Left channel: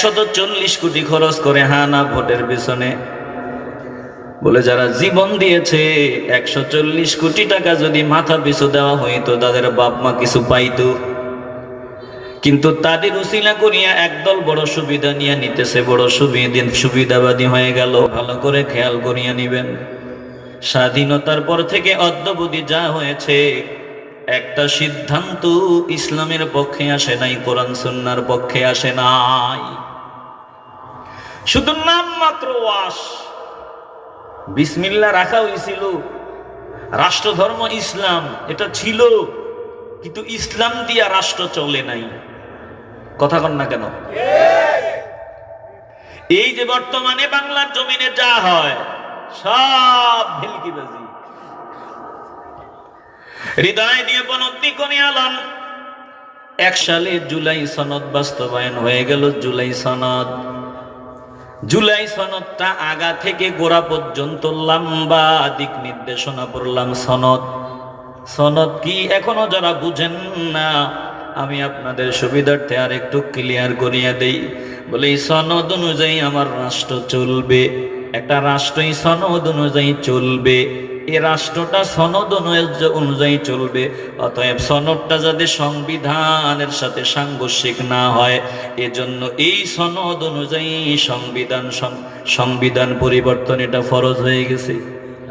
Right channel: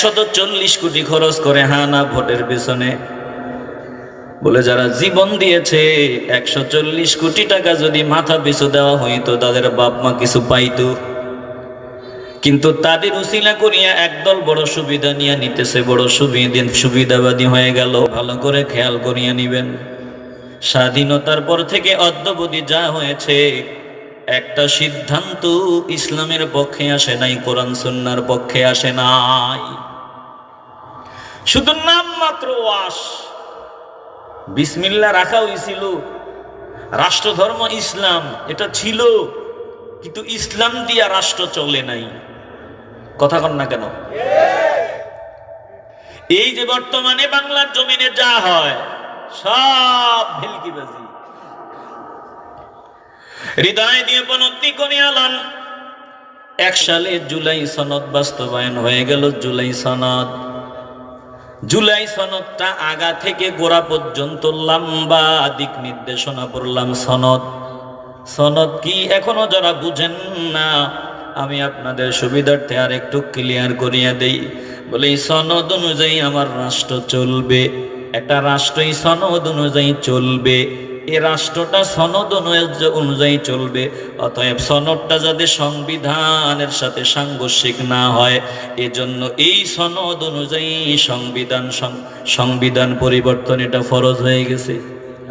140 কোটি খরচ করে হানা ভোটের পেছনে, বলে যারা জীবন দিয়েছে 140 কোটি টাকা যদি মাথা পিছু দেওয়া হইতো তাদের বাপ মা কিছু পাইতো, কিন্তু তাদের উসিলা করিয়া একদল বড় সুবিধা নিয়ে নিতেছে, বড় সুবিধাবাদী হয়ে গেল। ভালো করে খেয়াল করিয়া নিবেন, স্বাধীনতার পর থেকে অদ্যাবধি যা হয়েছে একটা সিদ্ধান্ত ইসলামের পক্ষে আসে নাই, কোরআন সুন্নাহর পক্ষে আসে নাই। শুধু নাম মাত্র ওয়াশ, বিসমিল্লাহ রাখা হয়েছিল, রাষ্ট্রধর্ম ইসলাম এটা ছিল, কিন্তু ইসলাম দিয়া রাষ্ট্র চলে নাই। কথা কন না কেন? এই যে বর্তমানে বাংলার জমিনে যা হয় সব ভেলকিবাজি। হৃদয় দিয়ে উপলব্ধি করে আলান, 1 সালে জুলাই সনদ বাস্তবায়ন হয়ে গেল। জুলাই সনদটা আগা থেকে গোড়া পর্যন্ত লম্বা দিক নির্দেশনা পড়লাম। সনদ কি এখনো যারা বুঝেন না, আমি আপনাদের সুবিধার্থে আর একটু ক্লিয়ার করিয়া দেই। বলে এই সনদ অনুযায়ী আমার রাষ্ট্র চলবে, একটা রাষ্ট্রই সনদ অনুযায়ী চলবে, এই রাষ্ট্রটা সনদ অনুযায়ী চলবে। অতএব সনদটা যাতে সংবিধানের সাথে সাংঘর্ষিক না হয়, এজন্য এই সনদ অনুযায়ী সংবিধান পরিবর্তন এটা ফরজ হয়ে গেছে,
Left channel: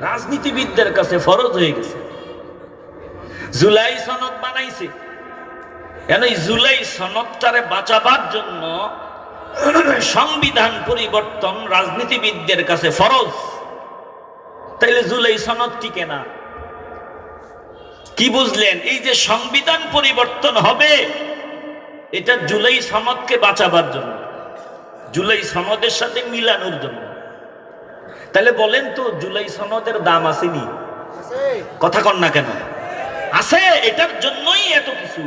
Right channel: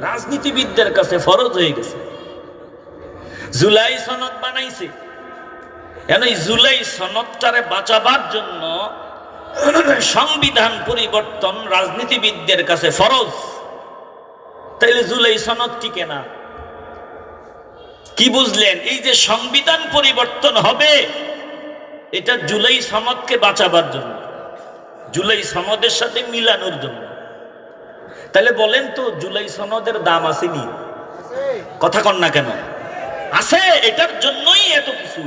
রাজনীতিবিদদের কাছে ফরজ হয়ে গেছে। জুলাই সনদ বানাইছে, এই জুলাই সনদটারে বাঁচাবার জন্য সংবিধান পরিবর্তন রাজনীতিবিদদের কাছে ফরজ। তাইলে জুলাই সনদ টিকে না। কি বুঝলেন? এই যে সংবিধান পরিবর্তন হবে এটা জুলাই সনদকে বাঁচাবার জন্য, জুলাই সনদের সাথে মিলানোর জন্য। তাহলে বলেন তো জুলাই সনদের দাম আসেনি? কথা কন না কেন? আছে, এটার জন্যই এত কিছু।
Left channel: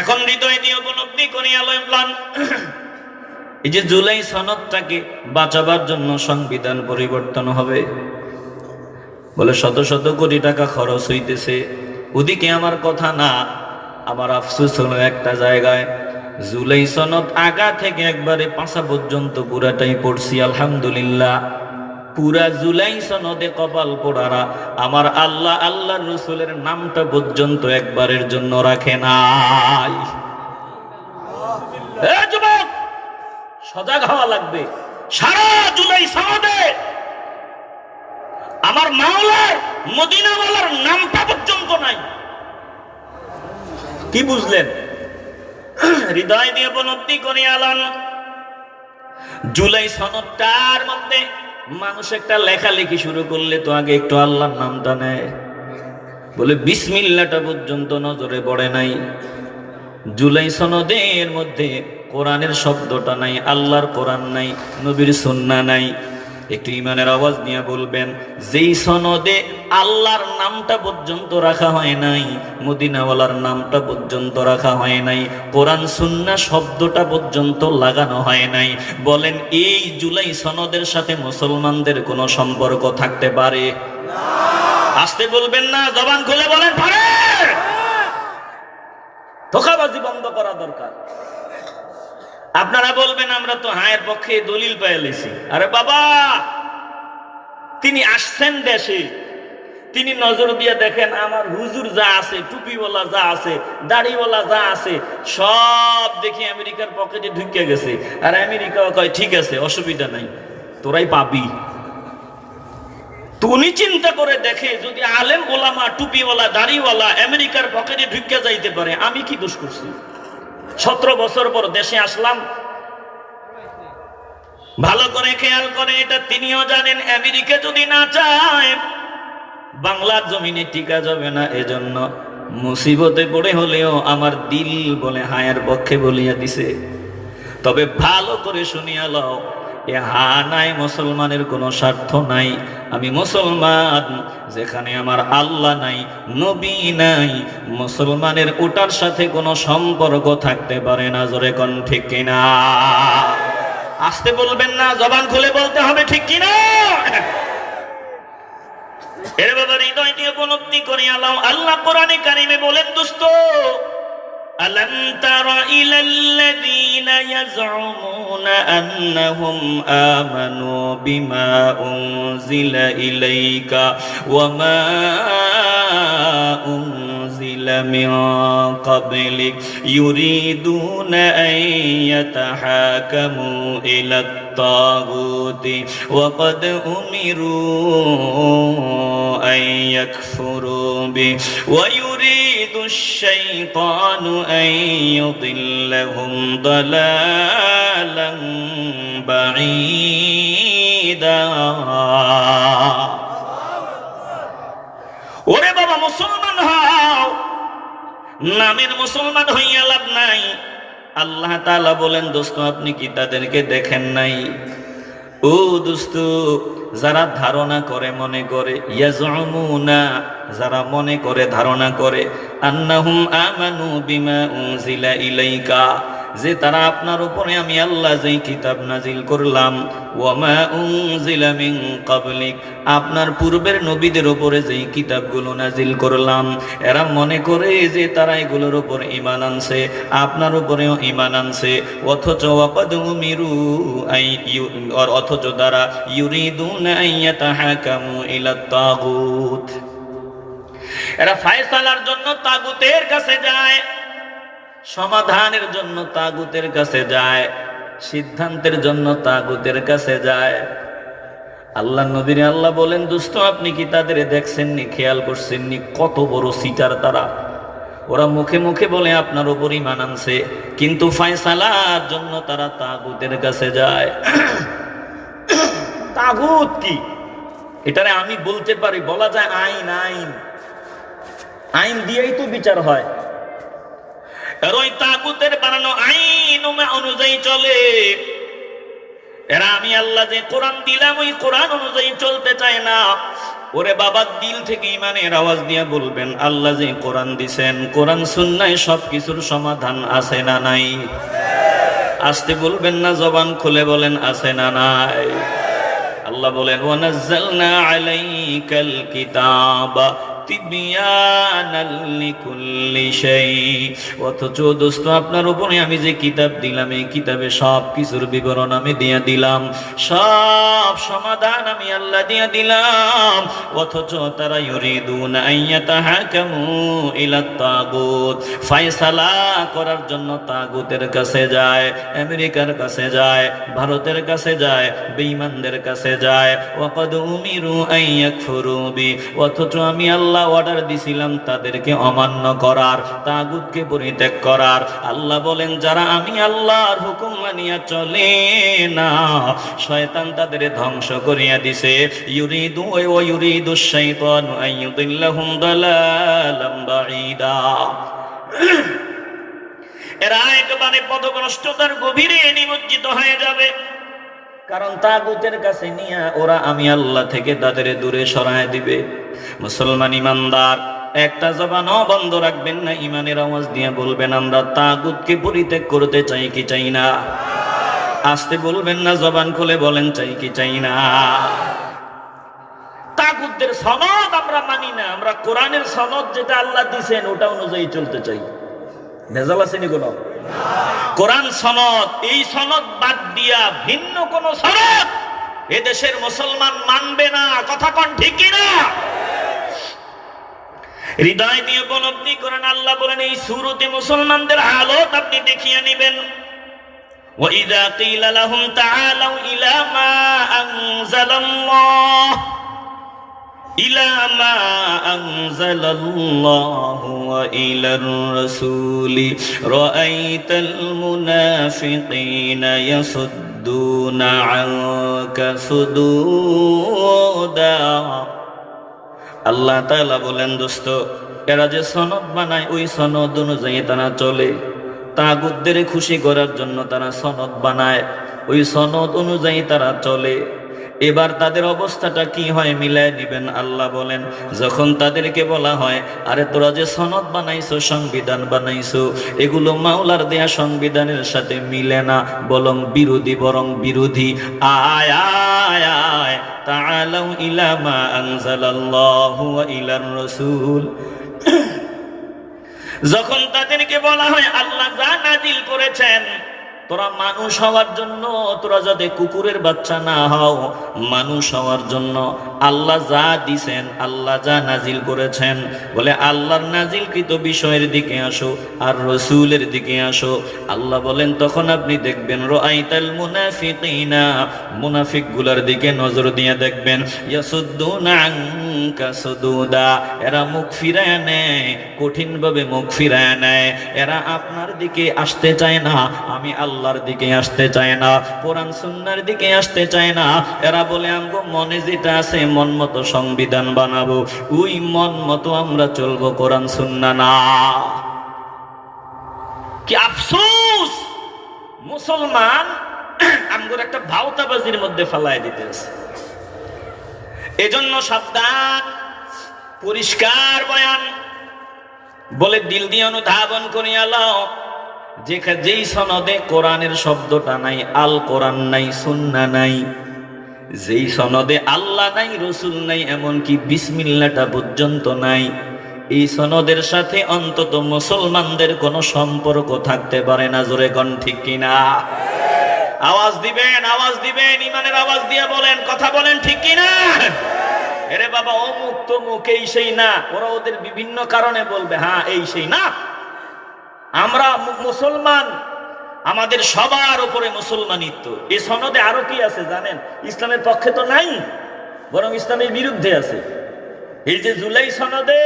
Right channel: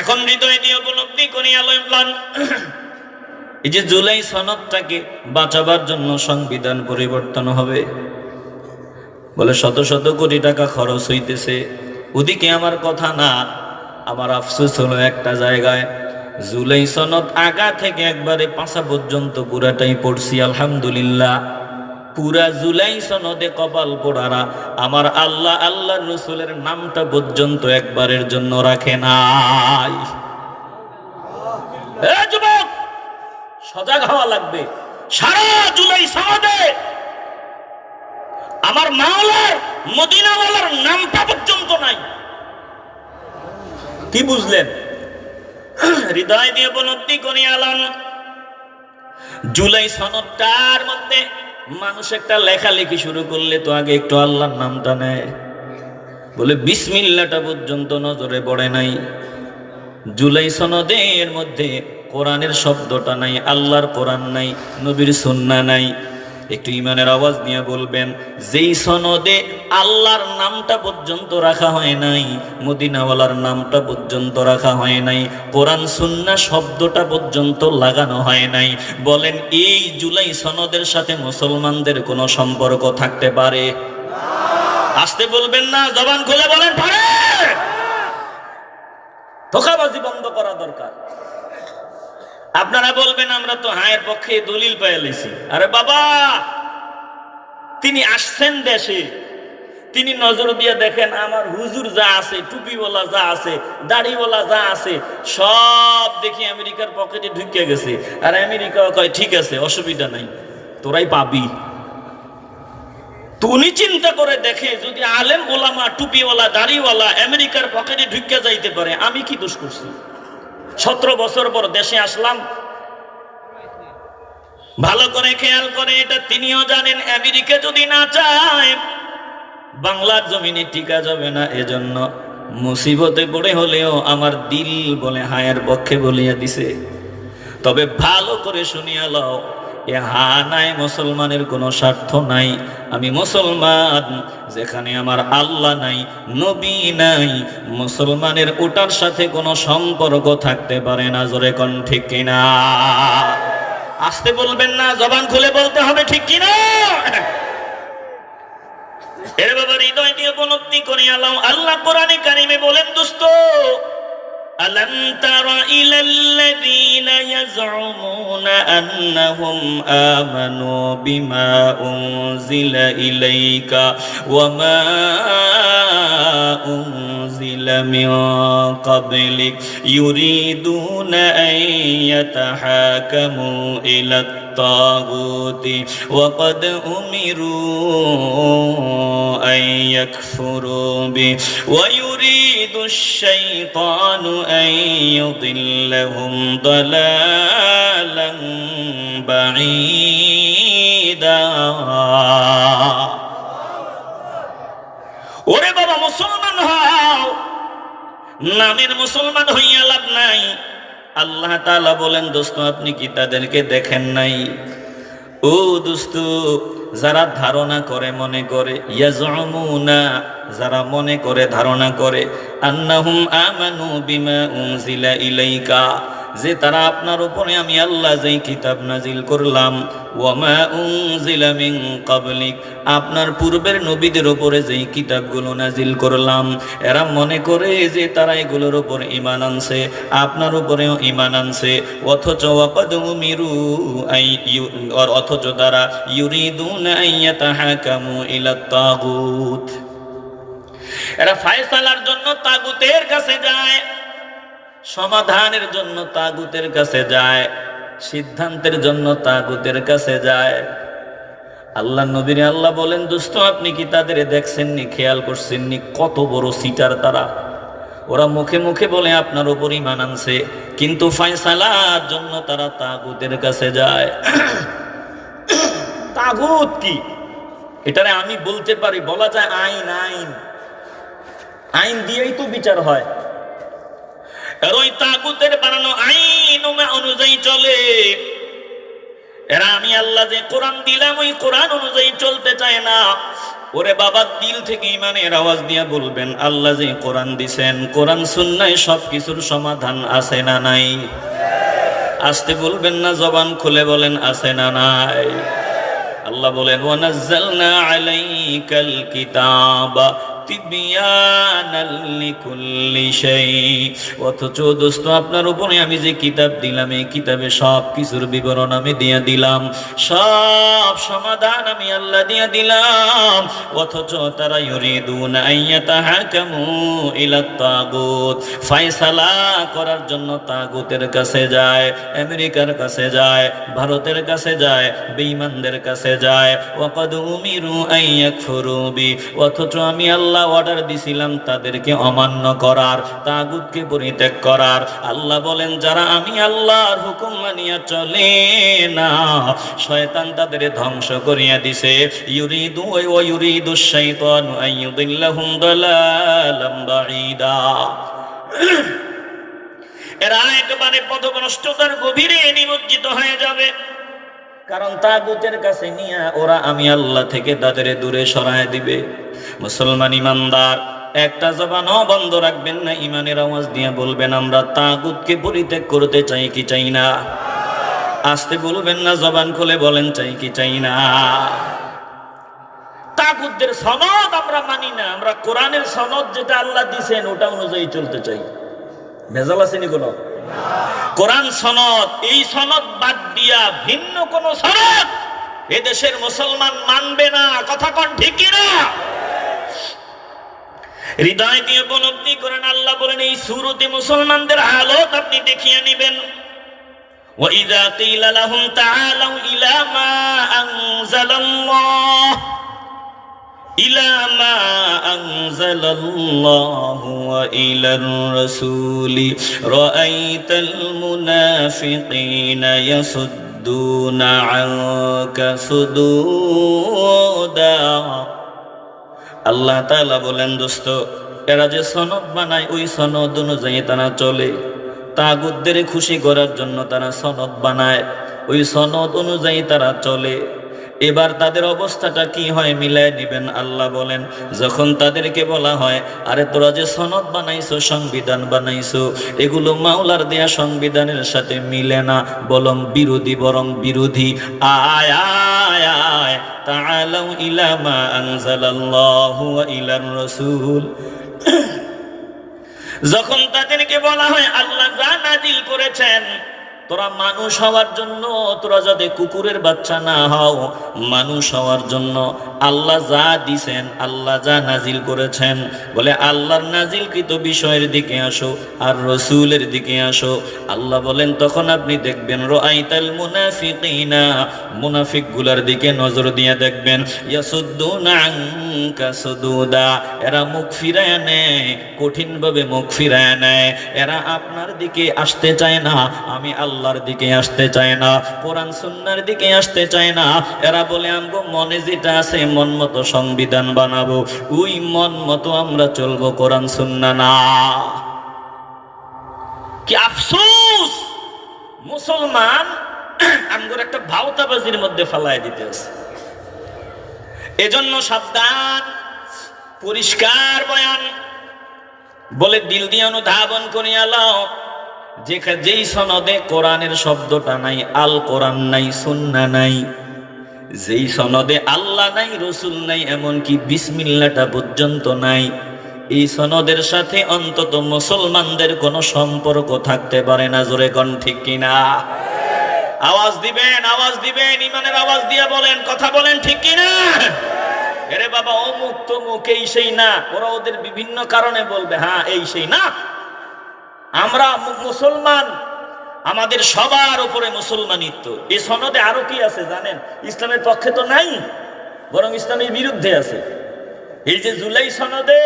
এখন হৃদয় দিয়ে উপলব্ধি করিয়া লইলাম, এই যে জুলাই সনদটাকে বাঁচাবার জন্য সংবিধান পরিবর্তন হবে, বলে শত শত কোটি টাকা খরচ হইতেছে। ওদিকে আমার কথা না, আমার আফসোস হলো একটা জায়গায় জুলাই সনদ আগা থেকে একবারে পাঁচা পর্যন্ত পুরাটাই পড়ছি, আলহামদুলিল্লাহ। পুরা জুলাই সনদে কপাল পোড়ারা আমার আল্লাহ আল্লাহর রাসূলের নামটা পর্যন্ত একবারের জন্য রাখে নাই। যুবক, সজাগ হওয়া লাগবে। সারা জুলাই সনদে আমার মাওলার মদিনাওয়ালার নামটা পর্যন্ত নাই। কি বুঝলেন? হৃদয় দিয়ে উপলব্ধি করে আলান, জুলাই সনদটার মধ্যে মানুষ একটা লেখালেখি শুরু করলে তো আগে একটু আল্লাহর নামটা নেয়, বলে বিসমিল্লাহটা পর্যন্ত নজরে পড়ে নাই। জুলাই সনদের মধ্যে কোরআনের শব্দটা নাই, আল্লাহর কোরআন নাই, নবীর সুন্নাহ নাই। একটু ইমানের আওয়াজ নিয়ে বলবেন, যেই সনদে আল্লাহর নামটা পর্যন্ত রাখা হয় নাই, মদিনাওয়ালার নামটা পর্যন্ত রাখা হয় নাই, কোরআন সুন্নাহ শব্দটা পর্যন্ত লাগানো হয় নাই, বলেন এই জুলাই সনদের সাথে মুসলমানদের কোনো সম্পর্ক থাকতে পারে? আসতে বলবেন না, জবান খুলে বলেন পারে। ধোঁকাবাজি বন্ধ করা দরকার। আপনারা বলবেন আমরা তো হায়ের পক্ষে দলিল পেয়ে লেছি। আরে বাবা, তিনি আসছেন দেশে, তিনি নজর দিয়ে দেখেন আমার হুজুর যা আছে, টুপিওয়ালা যা আছে, দাড়িওয়ালা যা আছে, সব দেখি আমেরিকার পকেটে ঢুকে গেছে। আর আমেরিকা কয় ঠিক আছে, অসুবিধা নাই, তোরাই পাবি। উনি চিন্তা করে দেখে যদি আলেম ওলামা টুপিওয়ালা দাড়িওয়ালা আমেরিকার পকেটে ঢুকে যাইতে পারে, আমি কি দোষ করছি? 17 বছর পর দেশে আসলাম। ভালো করে খেয়াল করে, এটা তিনিও জানেন আমেরিকা যদি না চায় বাংলার জমিনে টিকা যাবে না। এজন্য মুসিবতে পড়ে হলেও আমার দিল বলে হায়ের পক্ষে বলিয়া দিছে। তবে ভালো করে শুনিয়া লও, এ হানায় মুসলমানের কোনো স্বার্থ নাই। আমি মুসলমান, যেখানে আমার আল্লাহ নাই, নবী নাই, মুসলমানের ওটার সাথে কোনো সম্পর্ক থাকতে পারে না। জোরে কোন ঠিক কিনা? আসতে বলবেন না, জবান খুলে বলতে হবে, ঠিক কিনা? এর বাবা হৃদয় দিয়ে উপলব্ধি করে আল্লাহ কোরআনে কারিমে বলেন, দোস্ত ألم تر إلى الذين يزعمون أنهم آمنوا بما أنزل إليك وما أنزل من قبلك يريدون أن يتحاكموا إلى الطاغوت وقد أمروا أن يكفروا به ويريد الشيطان أن يضلهم ضلالا بعيدا ওরে বাবা মুসলমান হও, নামের মুসলমান হইয়া লাভ নাই। আল্লাহ তাআলা বলেন দোস্ত আপনি কি তাদেরকে দেখেন নাই? ও দোস্ত, যারা ধারণা করে মনে করে, ইয়াজউমুনা, যারা মনে করে ধারণা করে, আন্নাহুম আমানু বিমা উনজিলা ইলাইকা, যে তারা আপনার উপরে আমি আল্লাহ যেই কিতাব নাজিল করলাম, ওয়ামা উনজিলা মিন ক্বাবলিক, আপনার পূর্বের নবীদের উপরে যেই কিতাবগুলো নাজিল করলাম, এরা মনে করে যে তারা এগুলোর উপর ঈমান আনছে, আপনার উপরেও ঈমান আনছে, অথচ ওয়াকাদ উমিরু অথচ তারা ইউরিদুনা আন ইয়াতাহাকামু ইলা তাগুত, এরা ফায়সালার জন্য তাগুতের কাছে যায়, সমাধানের জন্য তাগুতের কাছে যায়, সিদ্ধান্তের জন্য তাগুতের কাছে যায়। আল্লাহ নবীর আল্লাহ বলেন দোস্ত আপনি কি তাদের দেখছেননি, খেয়াল করছেননি কত বড় সিটার তারা? ওরা মুখে মুখে বলে আপনার উপর ঈমান আনছে, কিন্তু ফায়সালার জন্য তারা তাগুতের কাছে যায়। তাগুত কি? এটারে আমি বলতে পারি, বলা যায় আইন। আইন আইন দিয়েই তো বিচার হয়। আর ওই তাগুতের বানানো আইন অনুযায়ী চলে। এরা আমি আল্লাহ যে কোরআন দিলাম ওই কোরআন অনুযায়ী চলতে চায় না। ওরে বাবা, দিল থেকে ঈমানের আওয়াজ দিয়া বলবেন আল্লাহ যে কোরআন দিছেন, কোরআন সুন্নায় সবকিছুর সমাধান আছে না নাই? আসতে বলবেন না, জবান খুলে বলেন আছে না নাই? আল্লাহ বলেন ওয়ানাজ্জালনা আলাইকাল কিতাবা তিবয়ানাল লিকুল্লি শাই, অথচ দোস্ত আপনার উপরে আমি যে কিতাব দিলাম এই কিতাবে সব কিছুর বিবরণ আমি দিয়ে দিলাম, সব সমাধান আমি আল্লাহ দিয়ে দিলাম, অথচ তারা ইউরিদুনা আন ইয়াতাহাকামু ইলা তাগুত, ফয়সালা করার জন্য তাগুতের কাছে যায়, আমেরিকার কাছে যায়, ভারতের কাছে যায়, বেঈমানদের কাছে যায়। ওয়াকাদ উমিরু আন ইয়াকফুরু বি, অথচ আমি আল্লাহ অর্ডার দিছিলাম তাদেরকে অমান্য করার, তাগুতকে পরিত্যাগ করার। আল্লাহ বলেন যারা আমি আল্লাহর হুকুম মানিয়া চলে না, শয়তান তাদের ধ্বংস করিয়া দিছে। ইউরিদু ওয়া ইউরিদু শাইতানু আন ইউদিল্লাহুম দালালাম বাঈদা, এরা একেবারে পথভ্রষ্টতার গভীরে নিমজ্জিত হয়ে যাবে। কারণ তাগুতের কাছে নিয়ে ওরা আমি আল্লাহ থেকে তাদের দূরে সরায় দিবে। মুসলমান ইমানদার একটা জবানও বন্ধ রাখবেন না, ইমানের আওয়াজ দিয়ে বলবেন আমরা তাগুতকে পরিত্যাগ করতে চাই কি চাই না? আসতে বলবেন না, জবান খুলে বলেন চাই কি চাই না? তাগুতদের সনদ আমরা মানি না, আমরা কোরআনের সনদ যেটা আল্লাহ দিয়েছেন ওটা অনুযায়ী চলতে চাই। ভেজাল আসেনি কোনো? কোরআন সনদ, এই সনদ বাদ দিয়া ভিন্ন কোন সনদ এদেশের মুসলমান মানবে না। কথা কোন ঠিক না? হৃদয় দিয়ে উপলব্ধি করেন। আল্লাহ বলেন এই সূরাতে মুসলমানদের হালত আপনি দেখিয়ে নেবেন। وَإِذَا قِيلَ لَهُمْ تَعَالَوْا إِلَى مَا أَنزَلَ اللَّهُ وَإِلَى الرَّسُولِ رَأَيْتَ الْمُنَافِقِينَ يَصُدُّونَ عَنكَ صُدُودًا। আল্লাহ তাআলা বলেন দোস্ত এরা যে সনদ বানায় ওই সনদ অনুযায়ী তারা চলে, তাগুতদের খুশি করার জন্য তারা সনদ বানায়, ওই সনদ অনুযায়ী তারা চলে। এবার তাদের অবস্থাটা কি হয় মিলায় দিবেন। আল্লাহ বলেন যখন তাদেরকে বলা হয় আরে তোরা যে সনদ বানাইছো, সংবিধান বানাইছো, এগুলো মাওলার দেয়া সংবিধানের সাথে মিলে না, বরং বিরোধী। আয় আয় আয় তাআলাউ ইলা মা আনজালাল্লাহু ওয়া ইলার রাসূল যখন তাদেরকে বলা হয় আল্লাহ যা নাজিল করেছেন, তোরা মানুষ হওয়ার জন্য, তোরা যাতে কুকুরের বাচ্চা না হও, মানুষ হওয়ার জন্য আল্লাহ যা দিছেন, আল্লাহ যা নাজিল করেছেন, বলে আল্লাহর নাজিলকৃত বিষয়ের দিকে আসো আর রসুলের দিকে আসো। আল্লাহ বলেন তখন আপনি দেখবেন রাআইতাল মুনাফিকিনা, মুনাফিকগুলোর দিকে নজর দিয়ে দেখবেন, ইয়াসুদ্দুনা আনকা সুদুদা, এরা মুখ ফিরায় নেয়, কঠিনভাবে মুখ ফিরায় নেয়, এরা আপনার দিকে আসতে চায় না, আমি আল্লাহর দিকে আসতে চায় না, কোরআন সুন্নাহর দিকে আসতে চায় না। এরা বলে আমগো মনে যেটা আছে মন মতো সংবিধান বানাবো, ওই মন মতো আমরা চলবো, কোরআন সুন্নাহ না। কি আফসোস, মুসলমান আমগোর একটা ভাওতাবাজির মধ্যে ফেলায় দিতে আছে। এজন্য সাবধান, পরিষ্কার বয়ান, বলে দিল দিয়ে অনুধাবন করিয়া লও, যেই সনদে কোরআনের শব্দটা নাই, আল কোরআন নাই, সুন্নাহ নাই, যেই সনদে আল্লাহ নাই, রসুল নাই, এমনকি বিসমিল্লাহটা পর্যন্ত নাই, এই সনদের সাথে অন্তত মুসলমানদের কোনো সম্পর্ক থাকতে পারে না। জোরে কোন ঠিক কিনা? আওয়াজ দিবেন, আওয়াজ দিবেন, ইমানের আওয়াজ দিয়ে বলেন, কথা বলেন, ঠিক কিনা? এরে বাবা অমুক তমুক এই সেই না, ওরা ওদের বিভিন্ন কারণে বলবে হ্যাঁ এই সেই না। আমরা মুসলমান, আমাদের সবার উপরে মুসলমানিত্ব। এই সনদে আরো কি আছে জানেন? ইসলামের পক্ষে তো নাই, বরং ইসলামের বিরুদ্ধে আছে। এই যে জুলাই সনদে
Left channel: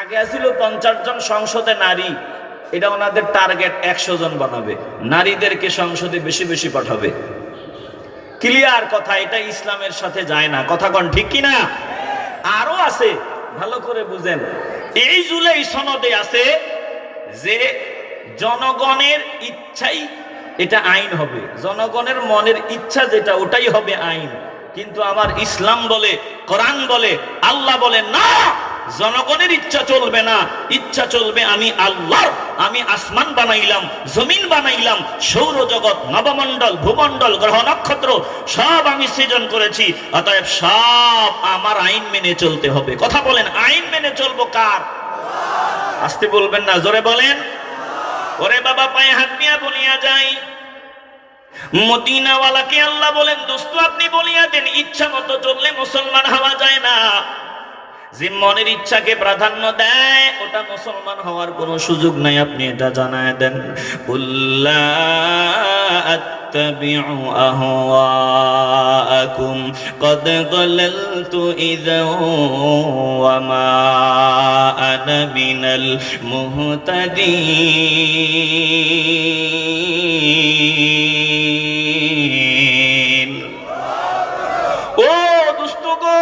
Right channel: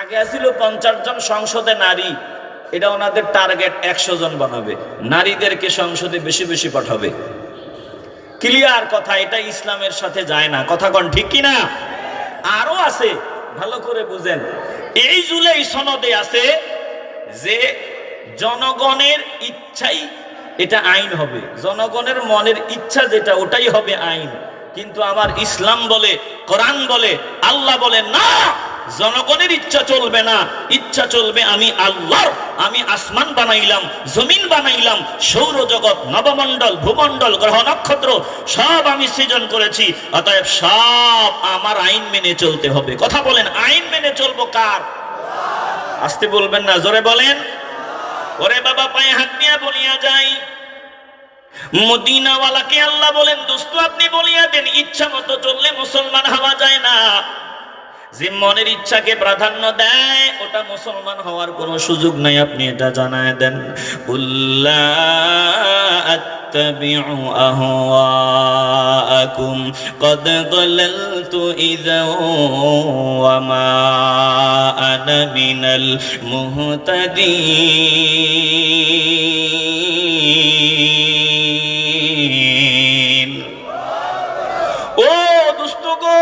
আগে আছিল 50 জন সংসদে নারী, এটা ওনাদের টার্গেট 100 জন বানাবে, নারীদেরকে সংসদে বেশি বেশি পাঠাবে। ক্লিয়ার কথা, এটা ইসলামের সাথে যায় না, কথা কোন ঠিক কিনা? আরো আছে, ভালো করে বুঝেন। এই জুলাই সনদে আছে যে জনগণের ইচ্ছাই এটা আইন হবে, জনগণের মনের ইচ্ছা যেটা ওটাই হবে আইন। কিন্তু আমার ইসলাম বলে, কোরআন বলে, আল্লাহ বলে না, জনগণের ইচ্ছা চলবে না, ইচ্ছা চলবে আমি আল্লাহ। আমি আসমান বানাইলাম, জমিন বানাইলাম, সৌরজগৎ, নবমণ্ডল, ভূমণ্ডল, গ্রহ নক্ষত্র সব আমি সৃজন করেছি, অতএব সব আমার আইন মেনে চলতে হবে। কথা বলেন, আইন মেনে চলবো কার? আসতে বলবেন না, জোরে বলেন। ওরে বাবা পায়ে হাত দিয়া বলিয়া যাই, মদিনাওয়ালাকে আল্লাহ বলেন দোস্ত আপনি বলিয়া দেন, ইচ্ছা মতো চললে মুসলমান হওয়া যায় না। যে মনের ইচ্ছাকে প্রাধান্য দেয় ওটা মুসলমান হওয়ার কোনো সুযোগ নাই, আপনি এটা জানায় দেন। কুল্লা আত্তাবিউ আহওয়াআকুম ক্বাদ যালালতু ইযা ওয়া মা আনা মিনাল মুহতাদিন। ও দুষ্ট গো,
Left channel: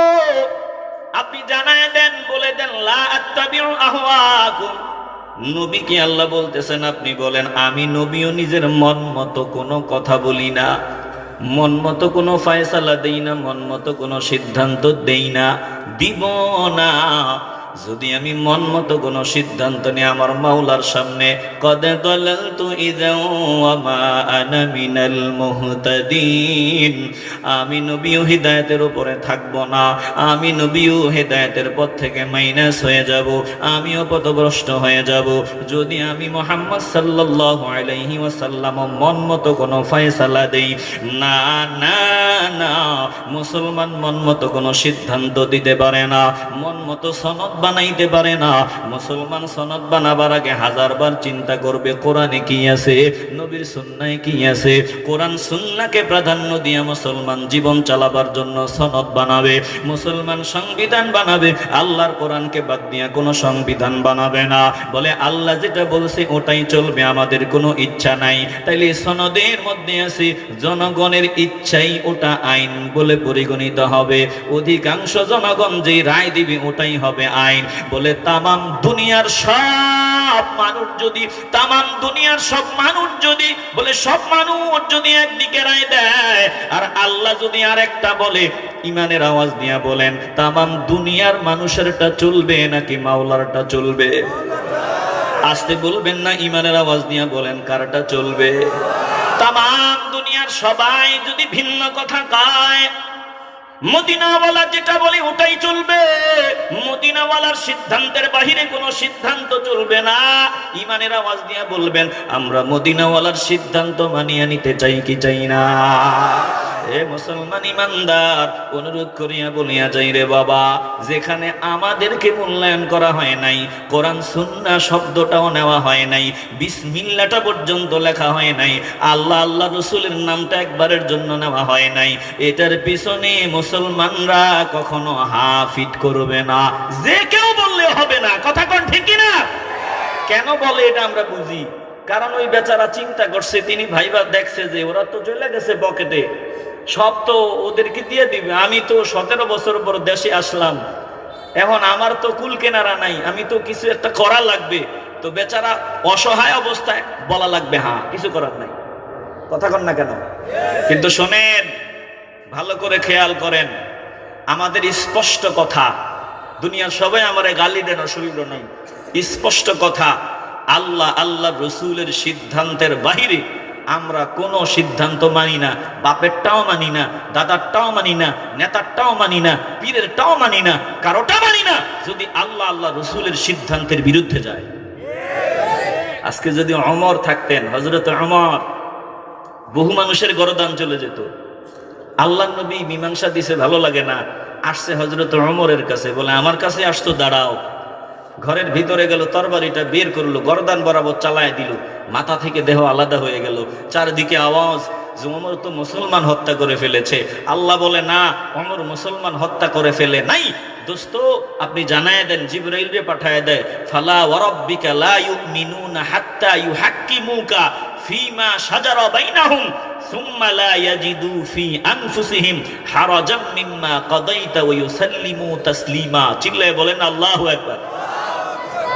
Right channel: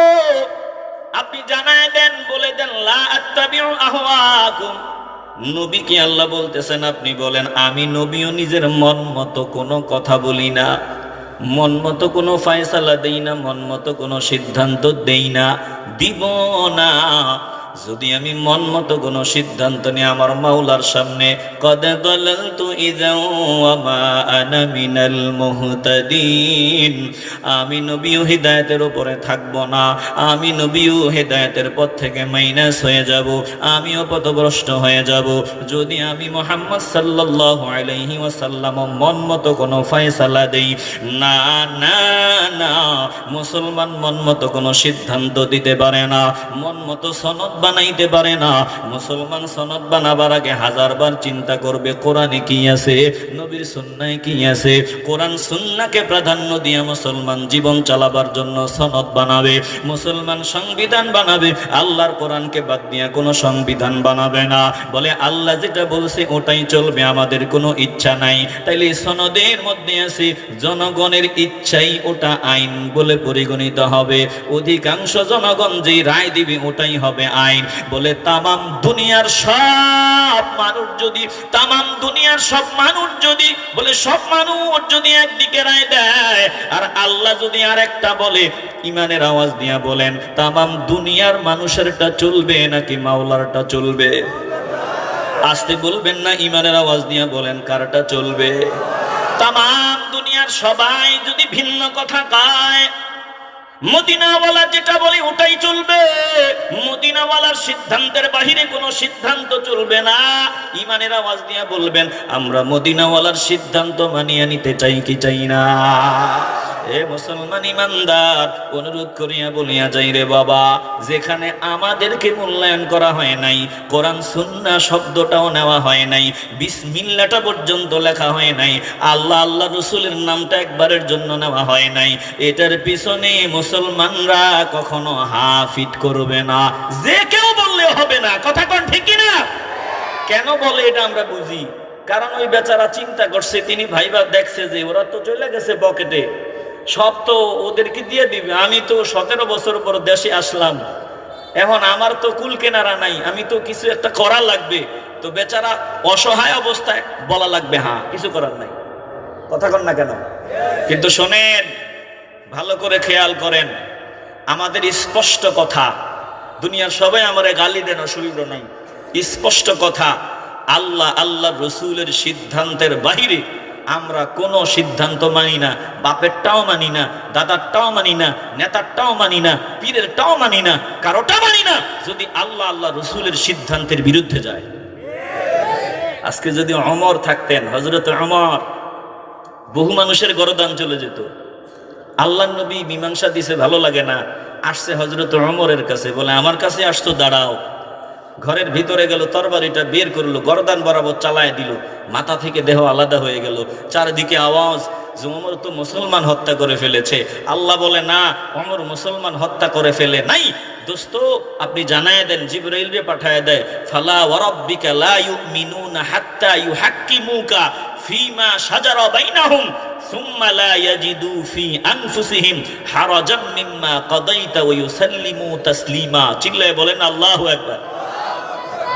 আপনি জানায় দেন, বলে দেন লা আত্তাবিউ আহওয়াআকুম। নবীকে আল্লাহ বলতেছেন আপনি বলেন আমি নবীও নিজের মন মতো কোনো কথা বলি না, মন মতো কোনো ফয়সালা দেই না, মন মতো কোনো সিদ্ধান্ত দেই না, দিব না। যদি আমি মন মতো কোনো সিদ্ধান্ত নিয়ে আমার মাওলার সামনে কদ দালালতু ইযা ওয়া মা আনা মিনাল মুহতাদিন, আমি নবীও হিদায়াতের উপরে থাকব না, আমি নবীও হিদায়াতের পথ থেকে মাইনাস হয়ে যাব, আমিও পথভ্রষ্ট হয়ে যাব। যদি আমি মুহাম্মদ সাল্লাল্লাহু আলাইহি ওয়াসাল্লাম মন মতো কোনো ফয়সালা দেই না, না না, মুসলমান মন মতো কোনো সিদ্ধান্ত দিতে পারে না, মন মতো সনদ বানাইতে পারে না। মুসলমান সনদ বানাবার আগে 1000 বার চিন্তা করবে কোরআনে কি আছে, নবীর সুন্নাহে কি আছে। কোরআন সুন্নাহকে প্রাধান্য দিয়ে মুসলমান জীবন চালাবার জন্য সনদ বানাবে, মুসলমান সংবিধান বানাবে। আল্লাহর কোরআনকে বাদ দিয়ে কোনো সংবিধান বানাবে না, বলে আল্লাহ যেটা বলছে ওটাই চলবে, আমাদের কোনো ইচ্ছা নাই। তাইলে সনদের মধ্যে আছে জনগণের ইচ্ছাই ওটা আইন বলে পরিগণিত হবে, অধিকাংশ জনগণ যে রায় দিবে ওটাই হবে আইন। বলে তামাম দুনিয়ার সব মানুষ যদি, তামাম দুনিয়ার সব মানুষ যদি, বলে সব মানুষ যদি একদিকে রায় দেয় আর আল্লাহ যদি আরেকটা বলে, ইমানের আওয়াজ দিয়া বলেন তামাম দুনিয়ার মানুষেরটা চলবে নাকি মাওলারটা চলবে? আসতে বলবেন না, ইমানের আওয়াজ দিয়া বলেন কারটা চলবে? তামাম দুনিয়ার সবাই যদি ভিন্ন কথা কয়, মদিনাওয়ালা যেটা বলে ওটাই চলবে, মদিনাওয়ালার সিদ্ধান্তের বাহিরে কোনো সিদ্ধান্ত চলবে না। ইমানের আওয়াজ দিয়ে বলবেন, আমরা মদিনাওয়ালার সিদ্ধান্ত মানিয়ে নিতে চাই কি চাই না? এ মুসলমান ইমানদার, অনুরোধ করিয়া বলিয়া যাই রে বাবা, যেখানে আমাদেরকে মূল্যায়ন করা হয় নাই, কোরআন সুন্নাহ শব্দটাও নেওয়া হয় নাই, বিসমিল্লাহটা পর্যন্ত লেখা হয় নাই, আল্লাহ আল্লাহ রসুলের নামটা একবারের জন্য নেওয়া হয় নাই, এটার পিছনে মুসলমানরা কখনো হাফিট করবে না। যে কেউ বললে হবে না। কথা কোন ঠিক না? কেন বলে এটা আমরা বুঝি। কারণ ওই বেচারা চিন্তা করছে, তিনি ভাইবা দেখছে যে ওরা তো চলে গেছে পকেটে, সব তো ওদেরকে দিয়ে দিবে। আমি তো 17 বছর পর দেশে আসলাম, এখন আমার তো কুল কেনারা নাই, আমি তো কিছু একটা করা লাগবে। তো বেচারা অসহায় অবস্থায় বলা লাগবে হ্যাঁ, কিছু করার নাই। কথা কন না কেন? কিন্তু শোনেন, ভালো করে খেয়াল করেন, আমাদের স্পষ্ট কথা, দুনিয়ার সবাই আমারে গালি দেন, অসুবিধা নাই, স্পষ্ট কথা, আল্লাহ আল্লাহ রসুলের সিদ্ধান্তের বাহিরে আমরা কোনো সিদ্ধান্ত মানি না। বাপেরটাও মানি না, দাদারটাও মানি না, নেতারটাও মানি না, পীরেরটাও মানি না, কারোটা মানি না যদি আল্লাহ আল্লাহ রসুলের সিদ্ধান্তের বিরুদ্ধে যায়। আজকে যদি ওমর থাকতেন, হযরত ওমর, বহু মানুষের গরদান চলে যেত। আল্লাহ নবী মীমাংসা দিছে, ভালো লাগে না, আসছে হযরত ওমরের কাছে, বলে আমার কাছে আসতো, দাঁড়াও। ঘরের ভিতরে গেল, তরবারিটা বের করলো, গর্দান বরাবর চালায় দিল, মাথা থেকে দেহ আলাদা হয়ে গেল। চারদিকে আওয়াজ যে ওমর তো মুসলমান হত্যা করে ফেলেছে। আল্লাহ বলে না, ওমর মুসলমান হত্যা করে ফেলে নাই। দোস্ত, আপনি জানায় দেন, জিবরাইল রে পাঠায় দেয়, ফালা ওয়ারাব্বিকা লা ইউমিনুনা হাত্তা ইউহাক্কিমুকা ফীমা শাজারা বাইনাহুম সুম্মা লা ইয়াজিদু ফি আনফুসিহিম হারাজাম মিম্মা কাদাইতা ওয়া ইউসাল্লিমু তাসলিমা। চিল্লায়ে বলেন আল্লাহু আকবার।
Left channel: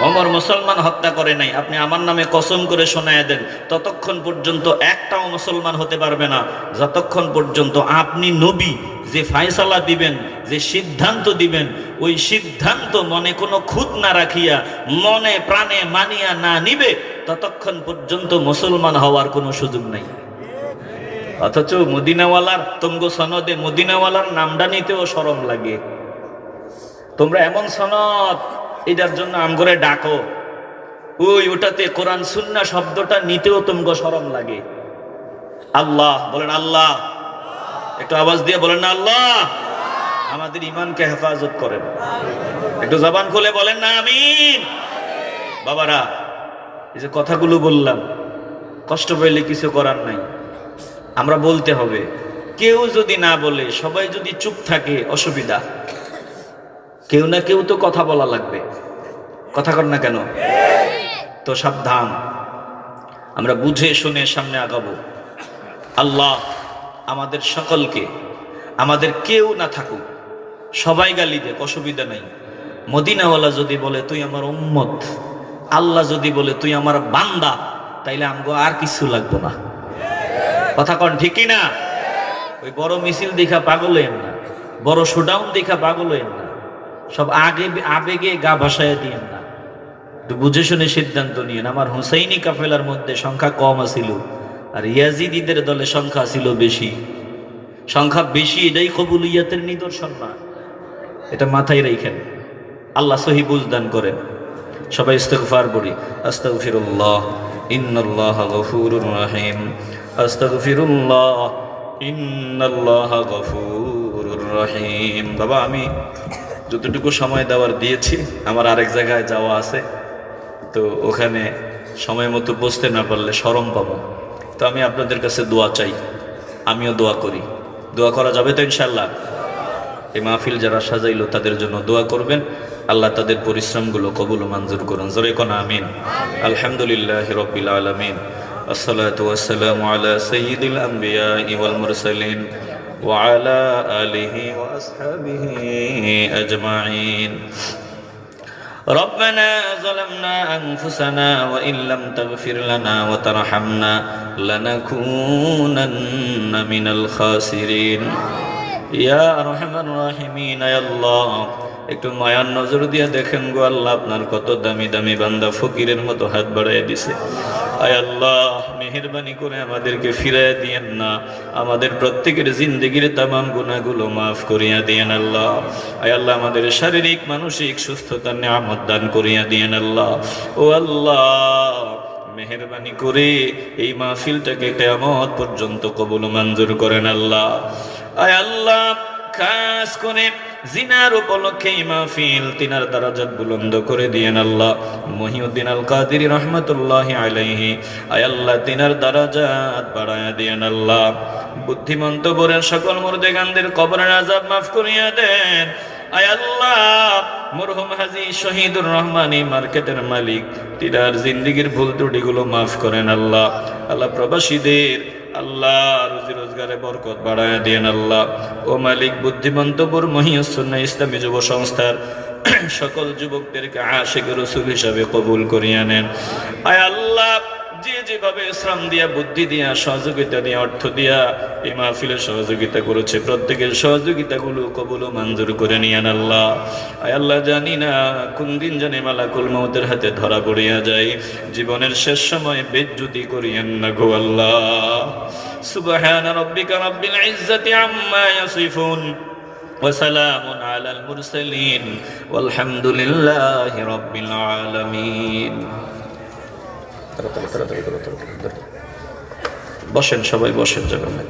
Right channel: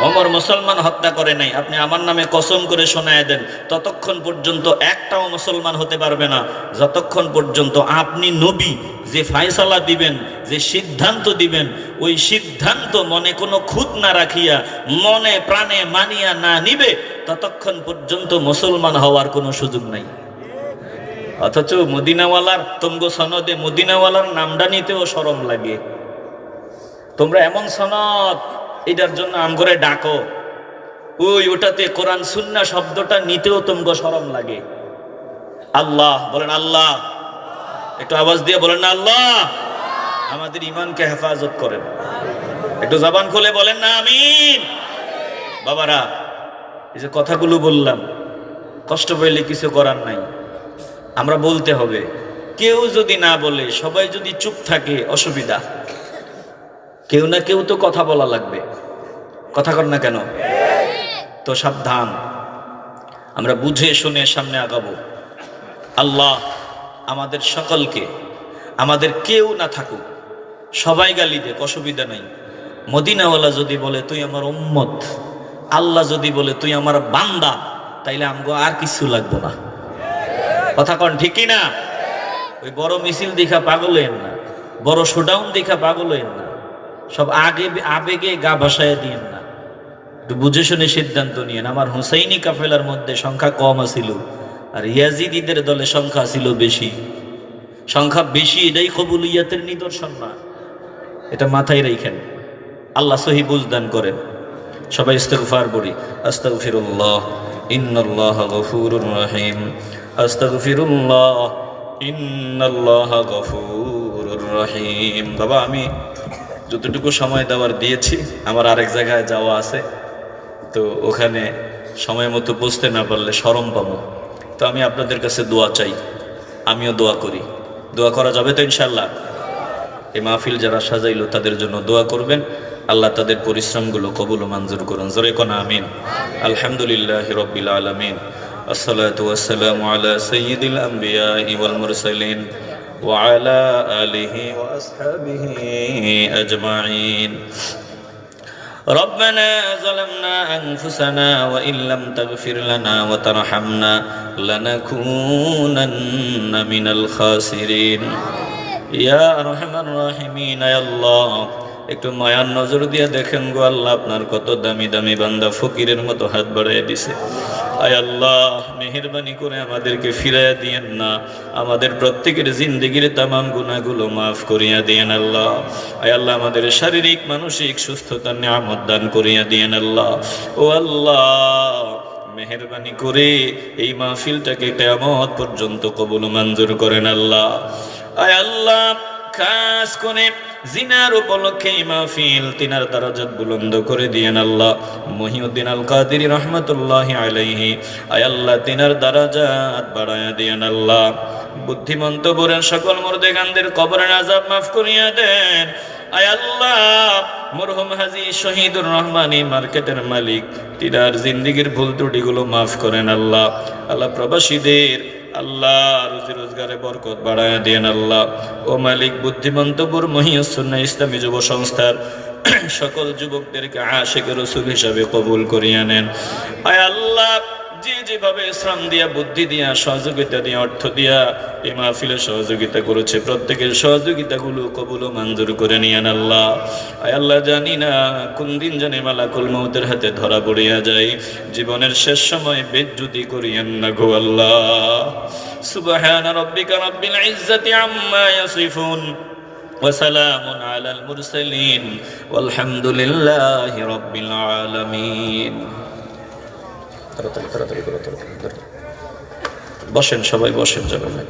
ওমর মুসলমান হত্যা করে নাই, আপনি আমার নামে কসম করে শোনায় দেন, ততক্ষণ পর্যন্ত একটাও মুসলমান হতে পারবে না, যতক্ষণ পর্যন্ত আপনি নবী যে ফায়সালা দিবেন, যে সিদ্ধান্ত দিবেন, ওই সিদ্ধান্ত মনে কোনো খুঁত না রাখিয়া মনে প্রাণে মানিয়া না নিবে, ততক্ষণ পর্যন্ত মুসলমান হওয়ার কোনো সুযোগ নাই। অথচ মদিনাওয়ালার তঙ্গ সনদে মদিনাওয়ালার নামটা নিতেও শরম লাগে। তোমরা এমন সনদ, এটার জন্য আমগরে ডাকো, ওই ওটাতে কোরআন সুন্নাহ শব্দটা নিতেও তোমগো শরম লাগে। আল্লাহ বলেন, আল্লাহ, একটু আওয়াজ দিয়ে বলেন না আল্লাহ। আমাদের ইমানকে হেফাজত করেন, একটু জবান খুলে বলেন না আমিন। বাবারা, এই যে কথাগুলো বললাম, কষ্ট পেলে কিছু করার নাই, আমরা বলতে হবে। কেউ যদি না বলে, সবাই যদি চুপ থাকে, অসুবিধা। কেউ না কেউ তো কথা বলা লাগবে। কথা কর না কেন? তো সাবধান, আমরা বুঝে শুনে সামনে আগাবো। আল্লাহ আমাদের সকলকে, আমাদের কেউ না থাকুক, সবাই গালি দেখ, অসুবিধা নাই। মদিনাওয়ালা যদি বলে তুই আমার উম্মত, আল্লাহ যদি বলে তুই আমার বান্দা, তাইলে আমগো আর কিছু লাগবে না। কথা কন ঠিক না? ওই বড় মিছিল দেখা পাগল হইেন না, বড় শোডাউন দেখা পাগল হইেন না, সব আবেগে গা ভাসায় দিয়েন না, একটু বুঝে শুনে সিদ্ধান্ত নিয়েন। আমার হুসাইনি কাফেলার মধ্যে সংখ্যা কম ছিল, আর ইয়াজিদিদের দলে সংখ্যা ছিল বেশি। সংখ্যা বেশি এটাই কবুলিয়াতের নিদর্শন না, এটা মাথায় রাখেন। আল্লাহ সহি বুঝদান করেন। সবাই ইস্তিগফার পড়ি। আস্তাগফিরুল্লাহ ইন্নাল্লাহা গফুরুর রহিম। আস্তাগফিরুল্লাহ ইন্নাল্লাহা গফুরুর রহিম। বাবা, আমি যতটুকু সময় দেওয়ার দিয়েছি, আমার আরেক জায়গায় যাওয়া আছে, তো ওখানে সময় মতো বুঝতে না পারলে শরম পাবো। তো আমি আপনাদের কাছে দোয়া চাই, আমিও দোয়া করি। দোয়া করা যাবে তো ইনশাল্লাহ? এই মাহফিল যারা সাজাইলো তাদের জন্য দোয়া করবেন, আল্লাহ তাদের পরিশ্রমগুলো কবুল ও মঞ্জুর করুন। জোরে কোন আমিন। আলহামদুলিল্লাহি রাব্বিল আলামিন, আসসালাতু ওয়াসসালামু আলা সাইয়্যিদিল আমবিয়া ওয়াল মুরসালিন ওয়া আলা আলিহি ওয়া আসহাবিহি আজমাইন। ربنا ظلمنا أنفسنا وإن لم تغفر لنا وترحمنا لنكونن من الخاسرين يا أرحم الراحمين يا الله। একটু মায়ার নজর দিয়ে দেখেন গো আল্লাহ, আপনার কত দামি দামি বান্দা ফকিরের মতো হাত বাড়ায় দিছে। আয় আল্লাহ, মেহেরবানি করে আমাদেরকে ফিরাইয়া দিয়েন না, আমাদের প্রত্যেকের জিন্দেগির তামাম গুনাহগুলো মাফ করিয়া দিয়েন আল্লাহ। আয় আল্লাহ, আমাদের শারীরিক মানসিক সুস্থতার নিয়ামত দান করিয়া দিয়েন আল্লাহ। ও আল্লাহ, মেহেরবানি করে এই মাহফিলটাকে কিয়ামত পর্যন্ত কবুল মঞ্জুর করেন আল্লাহ। আয় আল্লাহ, খাস করে জিনার উপলক্ষে এই মাহফিল তিনার দারাজাত বুলন্দ করে দিয়েন আল্লাহ। মহিউদ্দিন আল কাদেরী রহমাতুল্লাহি আলাইহি, আয় আল্লাহ, তিনার দারাজাত বাড়ায়া দিয়েন আল্লাহ। বুদ্ধিমন্ত করে সকল মুর্দেগানদের কবরের আযাব মাফ করিয়া দেন। আয় আল্লাহ, মরহুম হাজী শহীদুর রহমানী মার্কেটের মালিক, তিনার জিন্দেগীর ভুল ত্রুটিগুলো মাফ করেন আল্লাহ। আল্লাহ, প্রবাসীদের আল্লাহ রুজি রোজগারে বরকত বাড়ায় দেন আল্লাহ। ও মালিক, বুদ্ধিমন্তপুর মহিউস সুন্নাহ ইসলামী যুব সংস্থার সকল যুবকদেরকে আশিকে রাসূল হিসাবে কবুল করিয়া নেন। আয় আল্লাহ, যে যেভাবে শ্রম দিয়া, বুদ্ধি দিয়া, সহযোগিতা দিয়া, অর্থ দিয়া এই মাহফিলে সহযোগিতা করেছে, প্রত্যেকের সহযোগিতাগুলো কবুল ও মঞ্জুর করে নিয়েন আল্লাহ। আয় আল্লাহ, জানি না কোন দিন জানে মালাকুল মউতের হাতে ধরা পড়িয়া যায়, জীবনের শেষ সময় বেজ্জুতি করিয়েন না গো আল্লাহ। সুবহান রাব্বিকা রাব্বিল ইজ্জাতি আম্মা ইয়াসিফুন ওয়া সালামুন আলাল মুরসালিন ওয়ালহামদুলিল্লাহি রাব্বিল আলামিন। বসেন, সবাই বসেন, যাবেন না।